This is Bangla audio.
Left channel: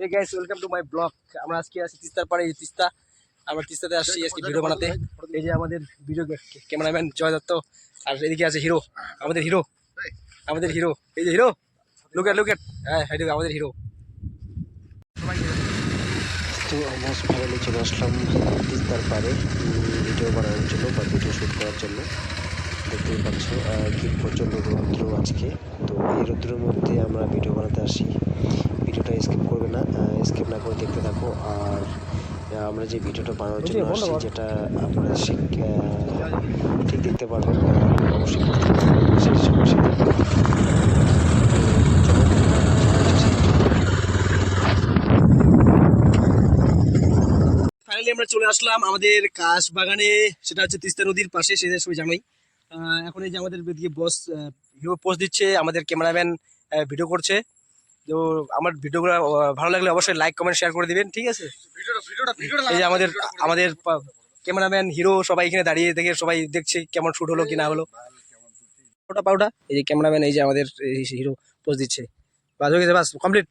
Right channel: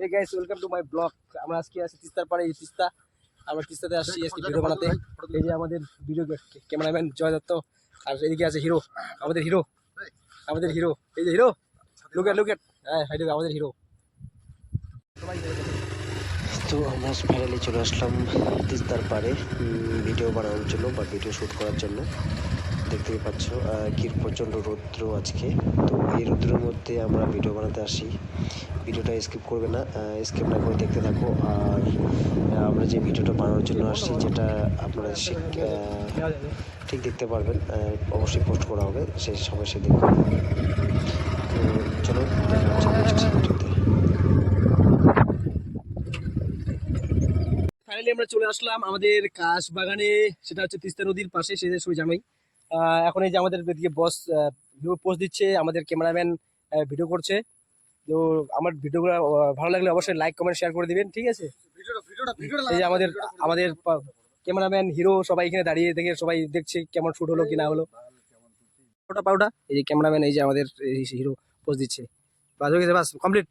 Hey guys, welcome to my blog. আমরা আজকে আছি তিস্তার পাড়ে, এই তিস্তা। আমরা তিস্তাতে আসছি আজকে ভিডিও বানাতে। এই যে আমাদের ভিডিও ক্যামেরাম্যান জয় দত্ত, আর এদিকে আছে হিরো, আমাদের হিরো, আমাদের হিরো। এই যে হিরো, লুক এট, হ্যাঁ আমাদের হিরো। তো আমরা ফাইনালি চলে আসলাম তিস্তার পাড়ে ভিডিও বানানোর জন্য বা ভিডিও শ্যুট করার জন্য। দেখতেই পাচ্ছ কি প্রচণ্ড রৌদ্র আজকে। তো এই রৌদ্রের মধ্যে আমরা ভিডিও বানাতে আসি। ভিডিওটা স্কিপ করবে না, স্কিপ না করে দেখতে থাকো। আর আমরা যে ভিডিওটা বানানোর জন্য আসছি, যেটা আপনারা ঠিক দেখতে পারবেন, অবশ্যই পোস্ট করা হবে সেই সময় সেদিন। তো চলো ফাইনালি আমরা চলে আসলাম আমাদের কাশ বাগানে, সেটা হচ্ছে তিস্তা নদীর পাশে, সেটা সবাই জানোই। এখন এই যে আমাদের এদিকে বস হিরো পোস্ট দিচ্ছে, আমাদের ক্যামেরাম্যান ভিডিও করছে। তো আমার ভিডিওগুলো ভালো লাগলে অবশ্যই লাইক কমেন্ট শেয়ার করে দিবেন, ঠিক আছে? এই যে আমাদের আমাদের ক্যামেরাম্যান হিরো সবাই এখানে দাঁড়িয়ে দেখে সবাই দেখছে কেমন শুট হলো কি না হলো। পাউডা এই যে ক্যামেরাম্যান, এই যে আমাদের হিরো পোস্ট দিচ্ছে। বাস হয়ে গেছে, বাস কমপ্লিট।